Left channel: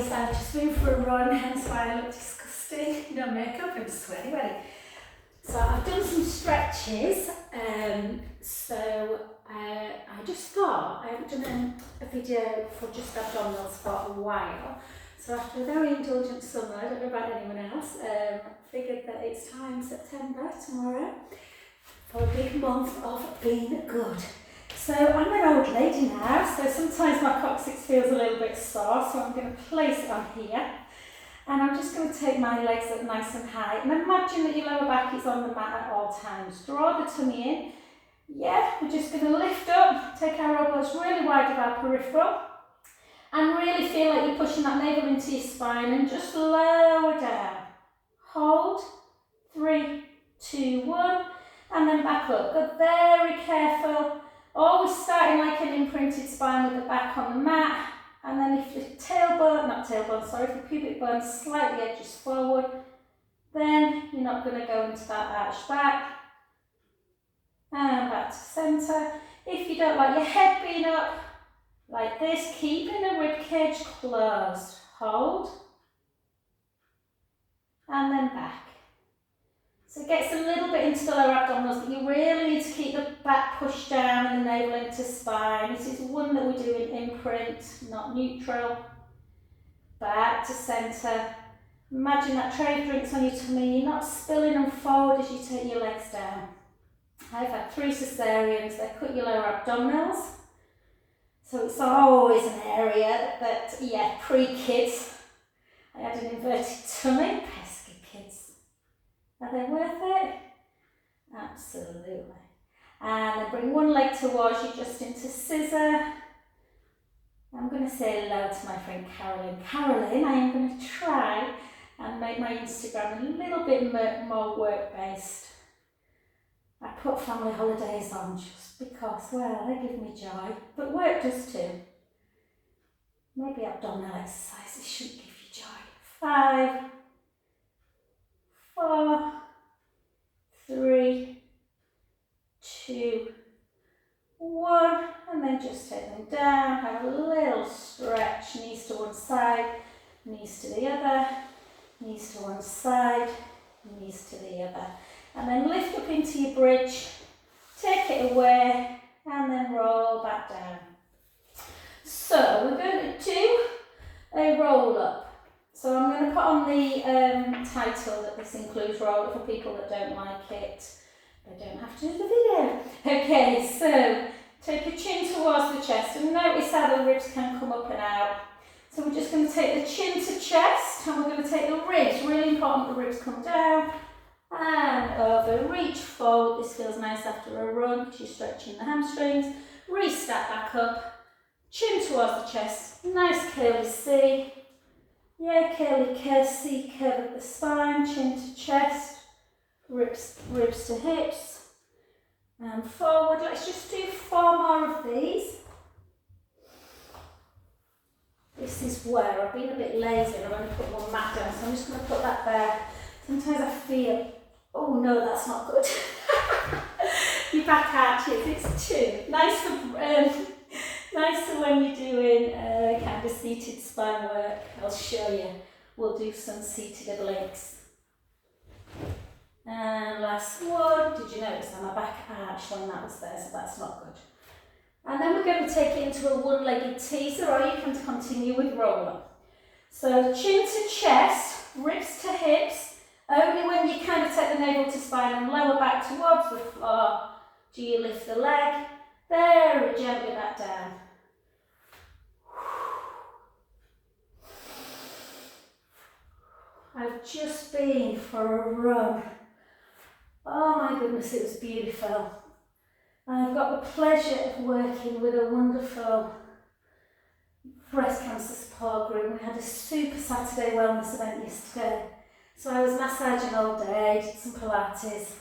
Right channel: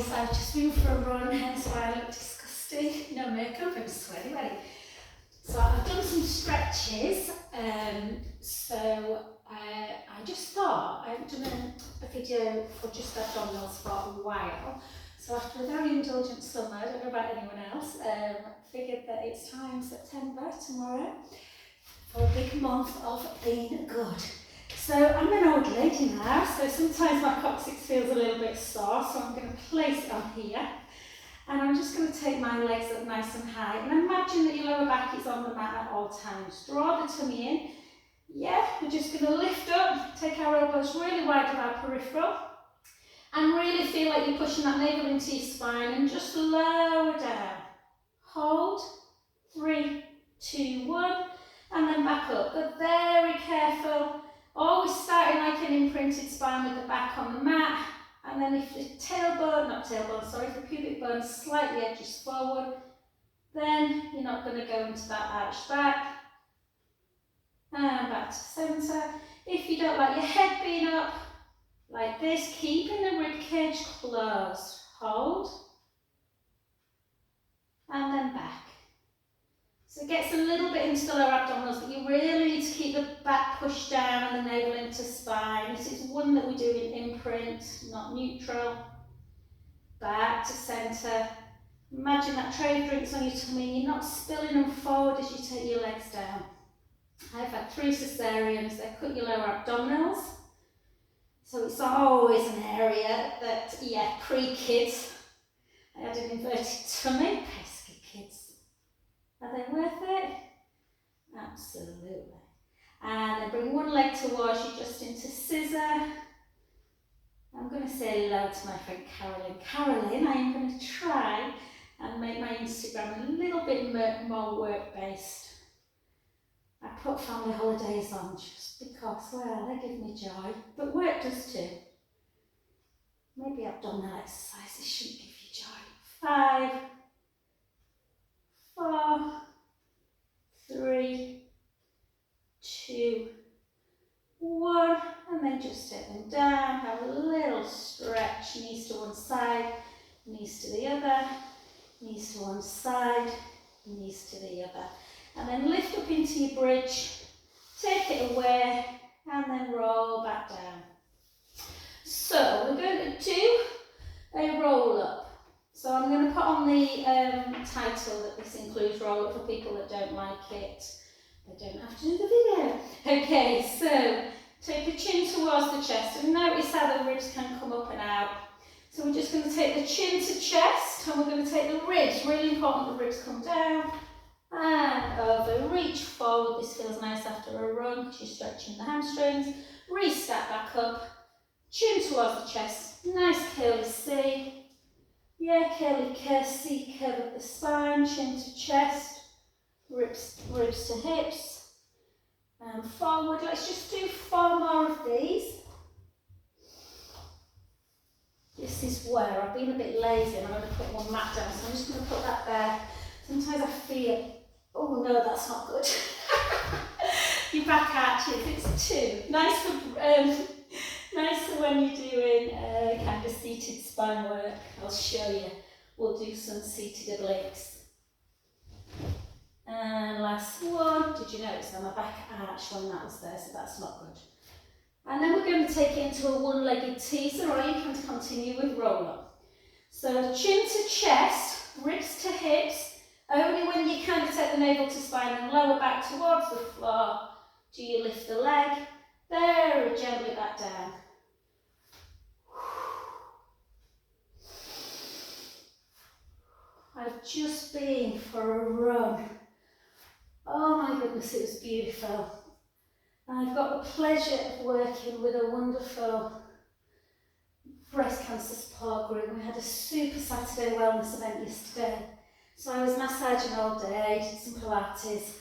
guys, I've just been for a run, hence why I look disgusting. No makeup, I'm sweaty. So I've done some stretches, I just thought, I haven't done a video for just abdominals for a while. So after a very indulgent summer, I don't know about anyone else, figured that it's time, September, tomorrow, for a big month of being good. So I'm an old lady now, so sometimes my coccyx feels a little bit sore, so I'm going to place it on here. And I'm just going to take my legs up nice and high. And imagine that your lower back is on the mat at all times. Draw the tummy in. Yeah, we're just going to lift up, take our elbows really wide of our peripheral. And really feel like you're pushing that navel into your spine and just lower down. Hold. 3, 2, 1. And then back up. But very careful. Always starting like an imprinted spine with the back on the mat. And then if your if your pubic bone slightly edges forward, then you're not going to go into that arch back. And back to centre. If you don't like your head being up, like this, keeping the rib cage closed. Hold. And then back. So it gets a little bit into the lower abdominals, but you really need to keep the back pushed down and the navel into spine. This is one that we do in imprint, not neutral. Back to centre. Imagine that tray of drinks on your tummy. You're not spilling them forward as you take your legs down. I've had 3 cesareans. They cut your lower abdominals. So it's always an area that, pre-kids, I had an inverted tummy. Pesky kids. Are they worth it? Absolutely. And then bring one leg towards you just into scissor. I'm going to say hello to my friend Carolyn. Carolyn, I am going to try and make my Instagram a little bit more work-based. I put family holidays on just because, well, they give me joy, but work does too. Maybe abdominal exercises should give you joy. 5, 4, 3, 2, 1, and then just take them down. Have a little stretch, knees to one side, knees to the other, knees to one side, knees to the other. And then lift up into your bridge, take it away, and then roll back down. So we're going to do a roll up. So I'm going to put on the title that this includes roll up for people that don't like it. They don't have to do the video. Okay, so take your chin towards the chest and notice how the ribs can come up and out. So we're just going to take the chin to chest and we're going to take the ribs. Really important the ribs come down and over. Reach forward. This feels nice after a run because you're stretching the hamstrings. Restart back up. Chin towards the chest. Nice curly C. Yeah, curly curve, C curve of the spine. Chin to chest. Ribs to hips. And forward. Let's just do 4 more of these. This is where I've been a bit lazy and I'm going to put one mat down, so I'm just going to put that there. Sometimes I feel, oh no, that's not good. Your back arches, it's 2. Nicer when you're doing kind of seated spine work. I'll show you. We'll do some seated obliques. And last one. Did you notice that my back arched when that was there, so that's not good. And then we're going to take it into a one-legged teaser, or you can continue with roll-up. So chin to chest, ribs to hips. Only when you kind of take the navel to spine and lower back towards the floor do you lift the leg. Very gently back down. I've just been for a run. Oh my goodness, it was beautiful. I've got the pleasure of working with a wonderful breast cancer support group. We had a super Saturday wellness event yesterday. So I was massaging all day, did some Pilates,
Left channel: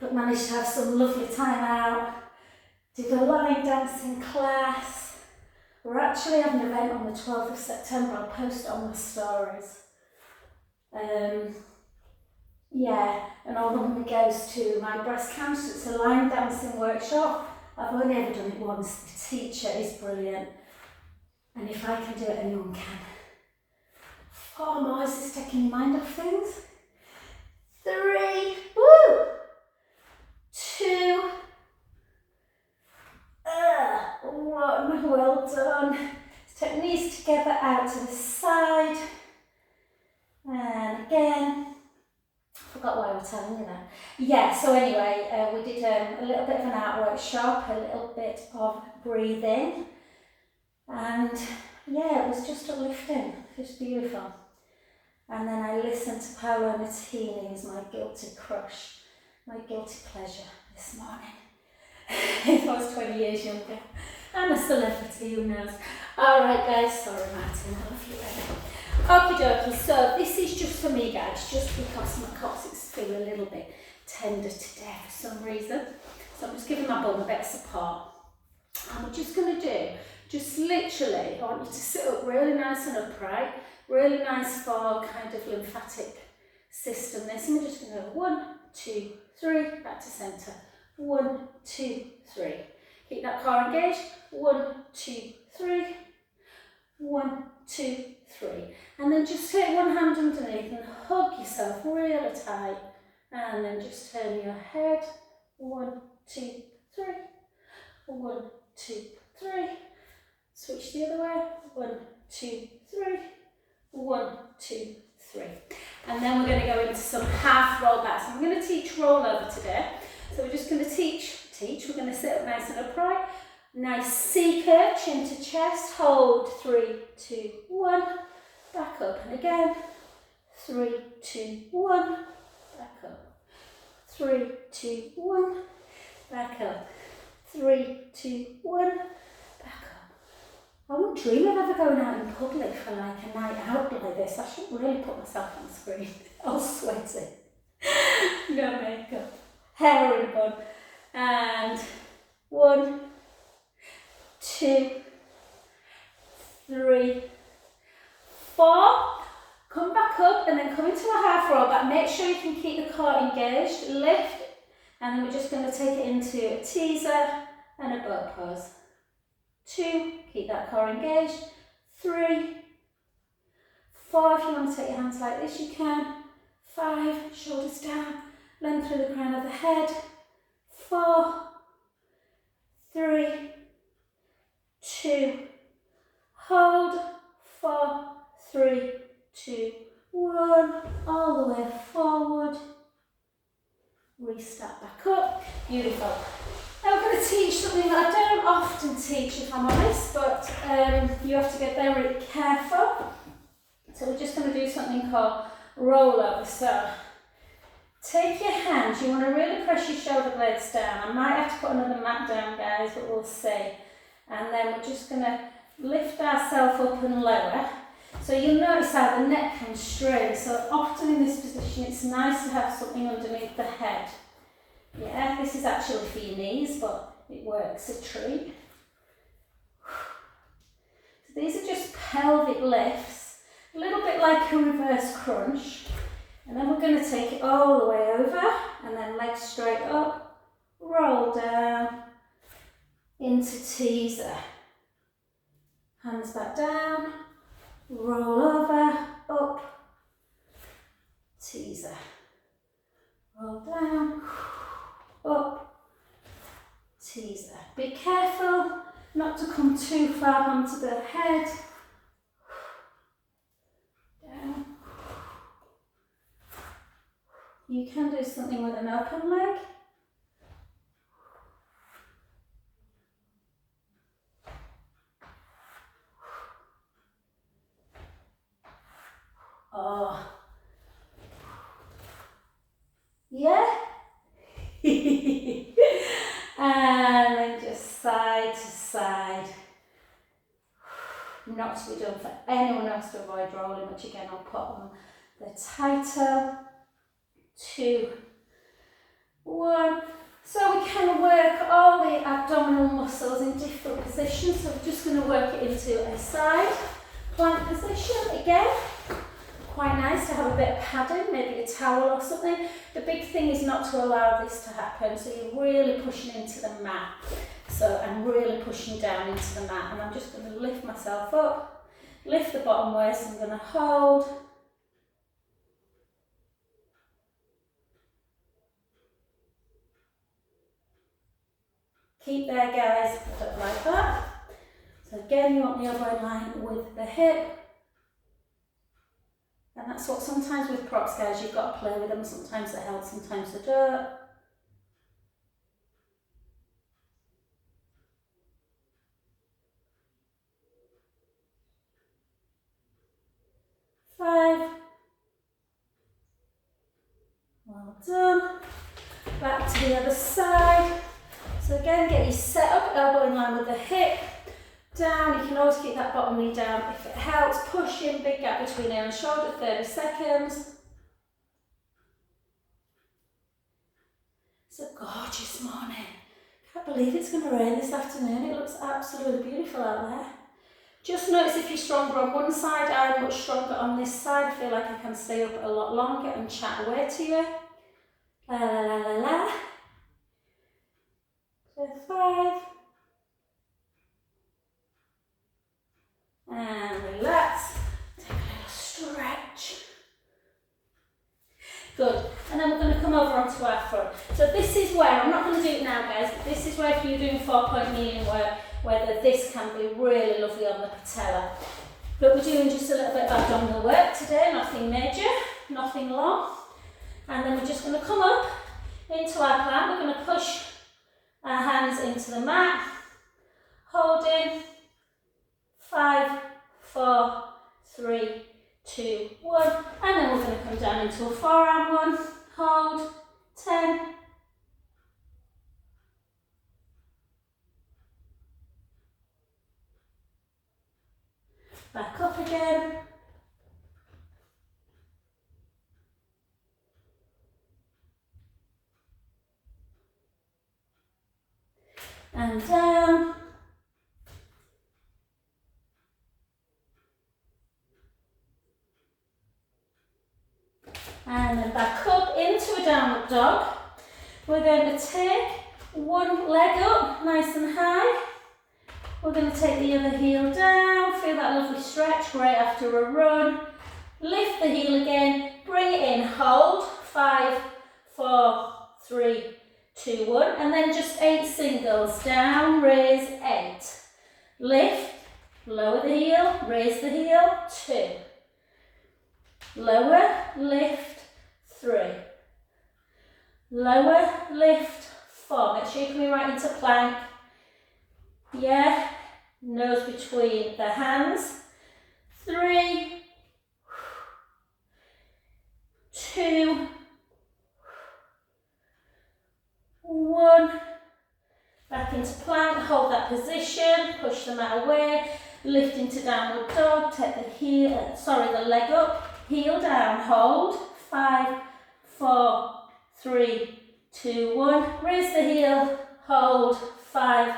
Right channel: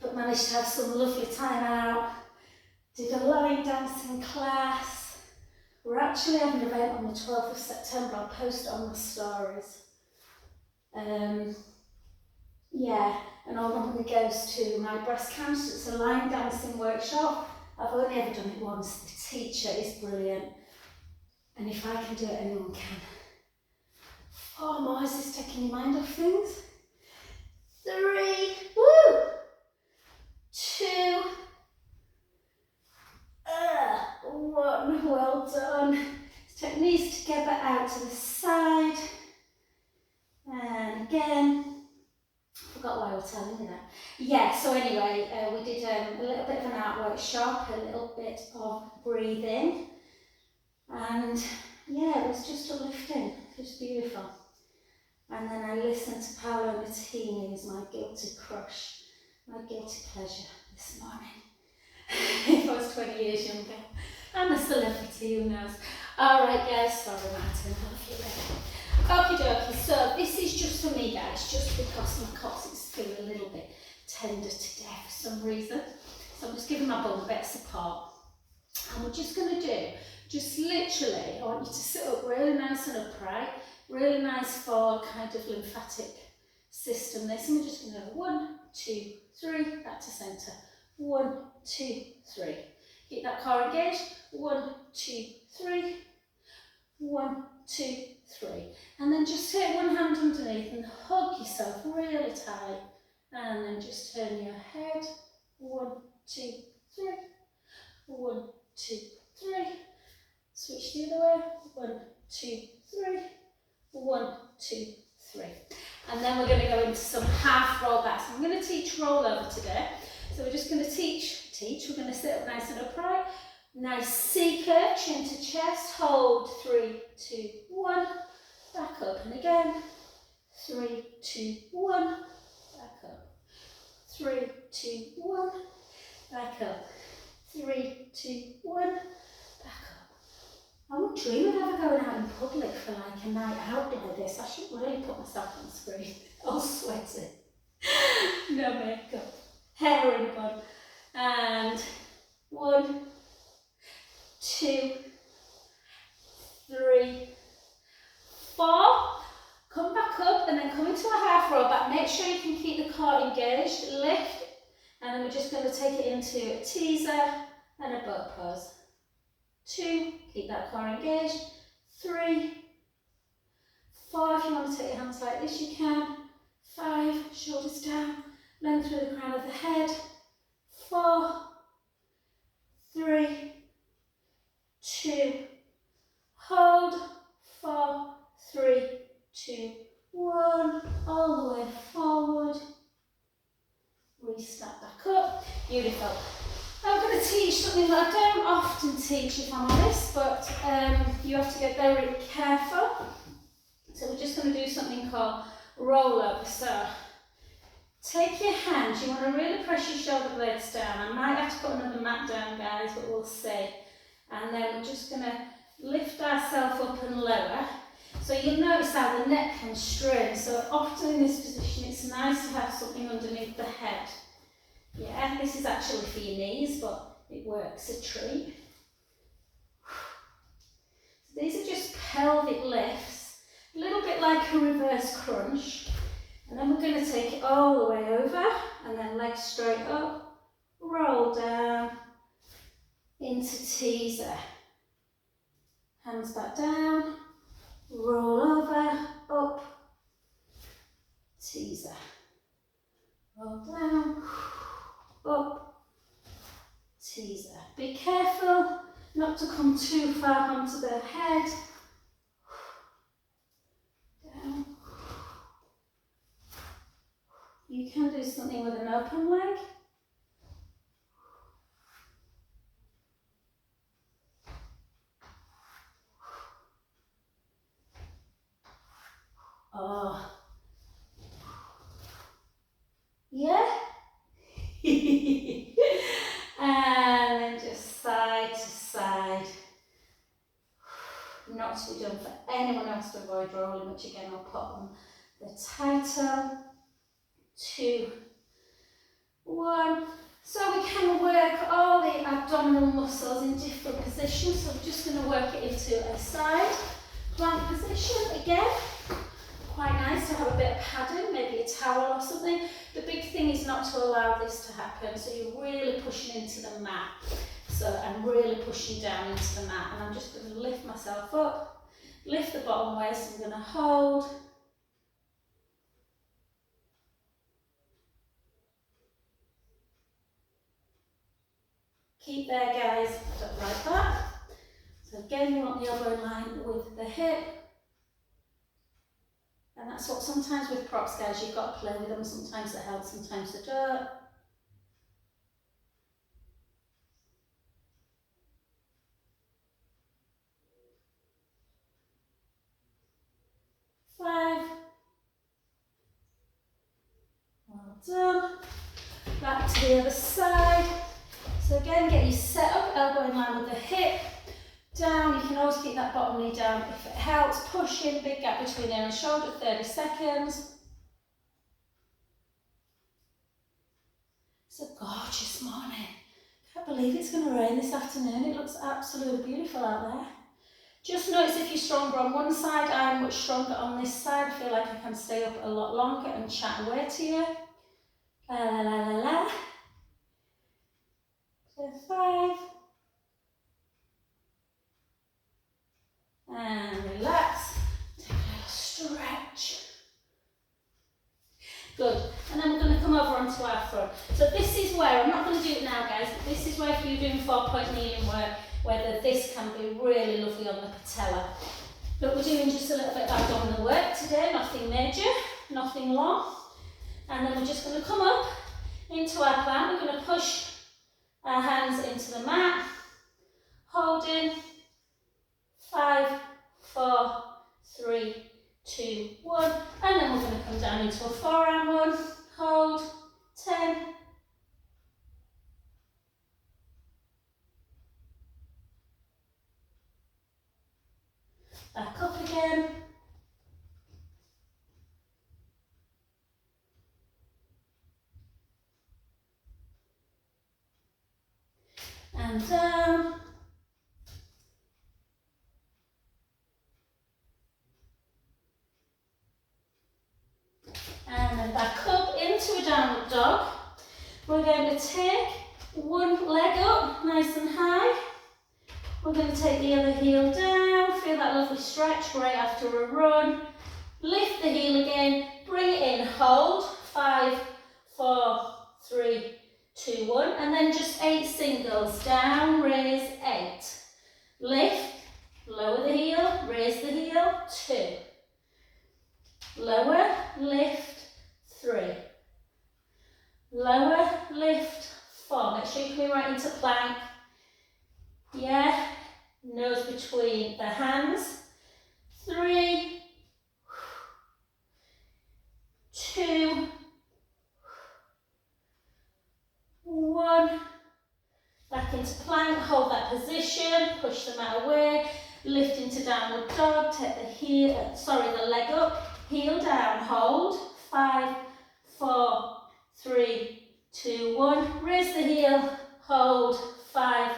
but managed to have some lovely time out. Did a line dancing class. We're actually having an event on the 12th of September. I'll post it on my stories. And all the money goes to my breast cancer. It's a line dancing workshop. I've only ever done it once. The teacher is brilliant. And if I can do it, anyone can. 4 more. Is this taking your mind off things? 3, woo! 2, 1, well done. Let's take knees together out to the side. And again, I forgot why I was telling you that. Yeah, so anyway, we did a little bit of an art workshop, a little bit of breathing. And yeah, it was just uplifting, just beautiful. And then I listened to Paolo Nutini, who's my guilty crush, my guilty pleasure this morning. If I was 20 years younger. I'm a celebrity, who knows. Alright guys, sorry Martin, I love you baby. Okie dokie, so this is just for me guys, just because my coccyx feel a little bit tender today for some reason. So I'm just giving my bum a bit of support. And we're just going to do, just literally, I want you to sit up really nice and upright, really nice for kind of lymphatic system this. And we're just going to go 1, 2, 3, back to centre. 1, 2, 3. Keep that core engaged. 1, 2, 3. 1, 2, 3. And then just take one hand underneath and hug yourself really tight. And then just turn your head. 1, 2, 3. 1, 2, 3. Switch the other way. 1, 2, 3. 1, 2, 3. And then we're going to go into some half roll backs. I'm going to teach rollover today. So we're just going to teach. We're going to sit up nice and upright. Nice C curve, chin to chest. Hold. 3, 2, 1. Back up. And again. 3, 2, 1. Back up. 3, 2, 1. Back up. 3, 2, 1. Back up. I wouldn't dream of ever going out in public for like a night out like this. I should really put myself on the screen. All sweaty. No makeup. Hair in a bun. And 1, 2, 3, 4. Come back up and then come into a half roll back. Make sure you can keep the core engaged. Lift. And then we're just going to take it into a teaser and a boat pose. 2, keep that core engaged. 3, 4, if you want to take your hands like this, you can. 5, shoulders down, length through the crown of the head. 4, 3, 2, hold. 4, 3, 2, 1. All the way forward. Restart back up. Beautiful. Now we're going to teach something that I don't often teach, if I'm honest, but you have to get very careful. So we're just going to do something called rollover. So take your hands, you want to really press your shoulder blades down. I might have to put another mat down guys, but we'll see. And then we're just going to lift ourselves up and lower. So you'll notice how the neck can strain. So often in this position it's nice to have something underneath the head. Yeah, this is actually for your knees, but it works a treat. So these are just pelvic lifts, a little bit like a reverse crunch. And then we're going to take it all the way over, and then legs straight up, roll down, into teaser. Hands back down, roll over, up, teaser. Roll down, up, teaser. Be careful not to come too far onto the head. Down. You can do something with an open leg. Oh. Yeah? And then just side to side. Not to be done for anyone else to avoid rolling, which again I'll put on the title. 2, 1. So we can work all the abdominal muscles in different positions. So I'm just going to work it into a side plank position again. Quite nice to have a bit of padding, maybe a towel or something. The big thing is not to allow this to happen. So you're really pushing into the mat. So I'm really pushing down into the mat, and I'm just going to lift myself up Lift the bottom waist, I'm going to hold. Keep there, guys, like that. So again, you want the elbow in line with the hip. And that's what sometimes with props, guys, you've got to play with them. Sometimes they help, sometimes they don't. Five. Well done. Back to the other side. So again, get you set up, elbow in line with the hip. Down, you can always keep that bottom knee down if it helps. Push in, big gap between ear and shoulder, 30 seconds. It's a gorgeous morning. Can't believe it's going to rain this afternoon. It looks absolutely beautiful out there. Just notice if you're stronger on one side, I'm much stronger on this side. I feel like I can stay up a lot longer and chat away to you. La la la la la. So 5. And relax. Take a little stretch. Good. And then we're going to come over onto our front. So this is where, I'm not going to do it now, guys, but this is where if you're doing 4-point kneeling work, whether this can be really lovely on the patella. But we're doing just a little bit of abdominal work today, nothing major, nothing long. And then we're just going to come up into our plant. We're going to push our hands into the mat, holding. 5, 4, 3, 2, 1. And then we're going to come down into a forearm one. Hold. 10. Back up again. And down. And then back up into a downward dog. We're going to take one leg up, nice and high. We're going to take the other heel down, feel that lovely stretch, great after a run. Lift the heel again, bring it in, hold. 5, 4, 3, 2, 1. And then just 8 singles. Down, raise, 8. Lift, lower the heel, raise the heel, 2. Lower, lift, 3. Lower, lift, 4. Make sure you're coming right into plank. Yeah, nose between the hands. 3, 2, 1. Back into plank, hold that position, push the mat away, lift into downward dog, take the leg up. Heel down, hold. 5, 4, 3, 2, 1. Raise the heel, hold. 5,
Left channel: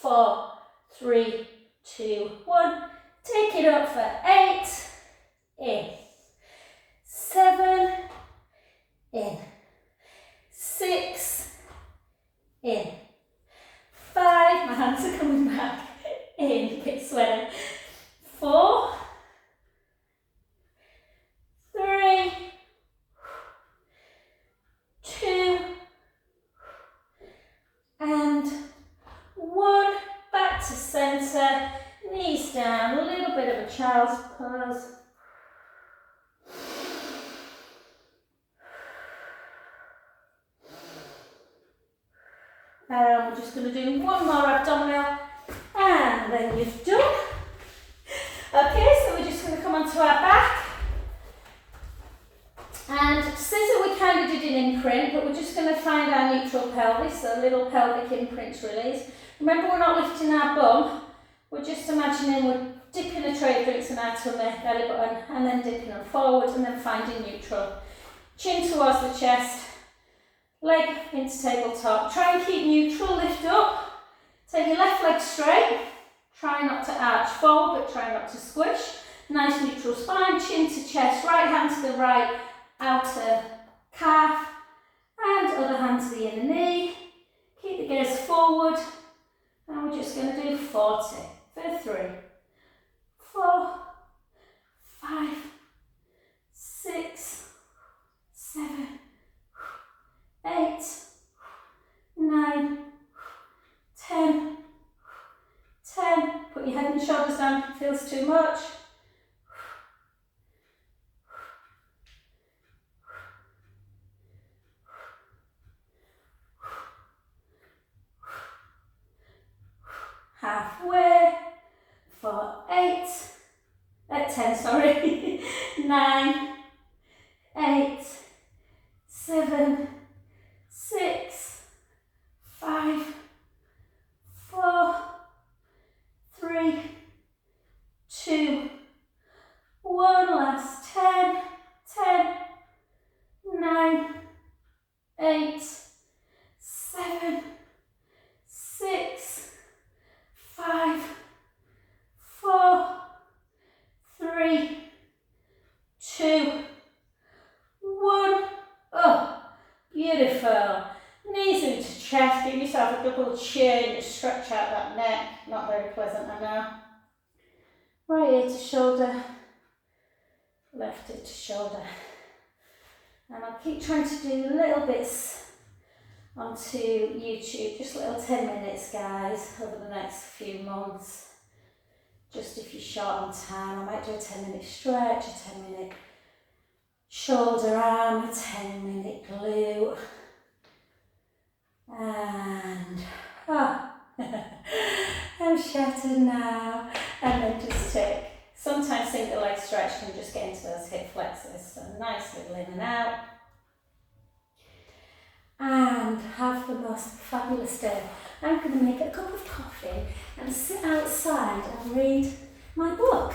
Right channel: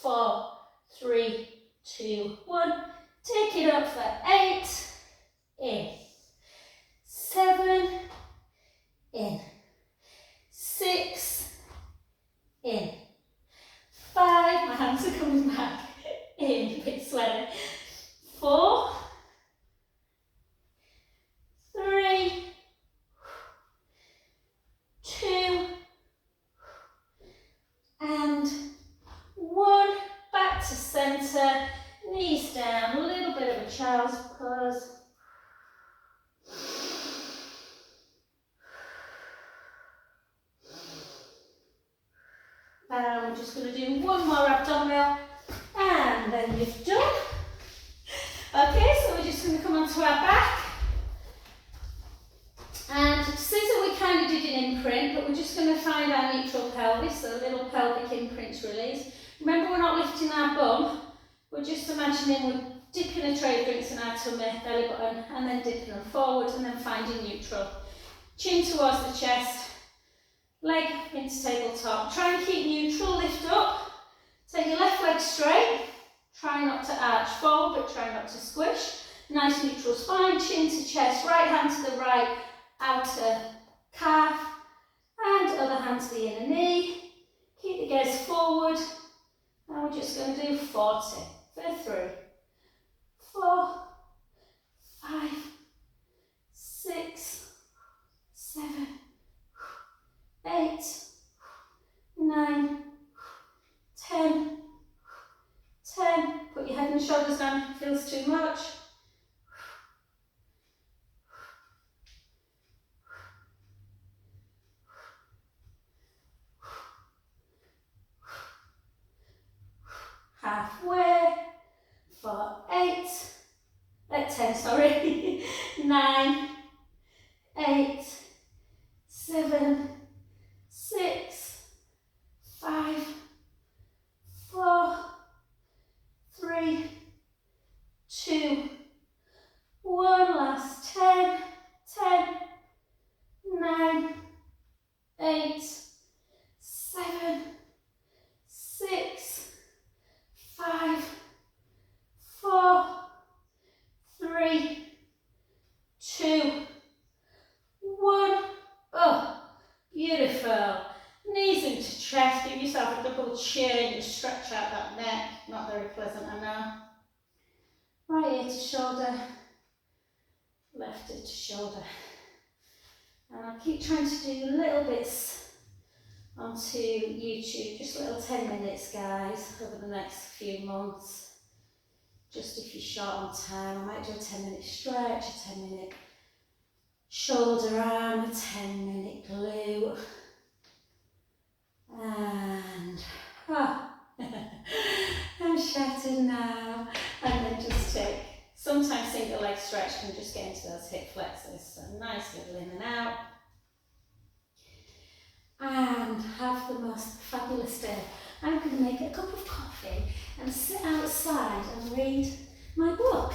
4, 3, 2, 1. Take it up for 8. In. 7. In. 6. In. 5. My hands are coming back. In. A bit sweaty. 4. 3, 2, and 1. Back to centre, knees down, a little bit of a child's pose. We're just going to do one more abdominal, and then you've done. Okay, so we're just going to come onto our back. And scissor we kind of did an imprint, but we're just going to find our neutral pelvis, so little pelvic imprints release. Remember, we're not lifting our bum, we're just imagining we're dipping a tray of drinks in our tummy, belly button, and then dipping them forward and then finding neutral. Chin towards the chest, leg into tabletop. Try and keep neutral, lift up. Take your left leg straight, try not to arch forward, but try not to squish. Nice neutral spine, chin to chest, right hand to the right, outer calf, and other hand to the inner knee. Keep the gaze forward, and we're just going to do 40 for 3, 4, Put your head and shoulders down if it feels too much. Halfway for 10, sorry. 9, 8, 7, 6, 5, 4, 3, 2, 1. Last 10, 9, 8, 7, 6, 5, 4, 3, 2, 1. Oh, beautiful. Knees into chest. Give yourself a double chin. Just stretch out that neck. Not very pleasant, I know. Right ear to shoulder. Left ear to shoulder. And I'll keep trying to do little bits onto YouTube. Just little 10 minutes, guys, over the next few months. Just if you're short on time, I might do a 10-minute stretch, a 10-minute shoulder arm, a 10-minute glute. And, I'm shattered now. And then just take, sometimes single leg stretch can just get into those hip flexors. So nice little in and out. And have the most fabulous day. I'm going to make a cup of coffee and sit outside and read my book.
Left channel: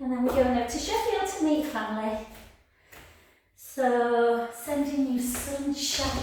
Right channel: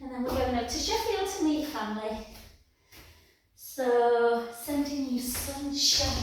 And then we're going to Sheffield to meet family. So, sending you sunshine.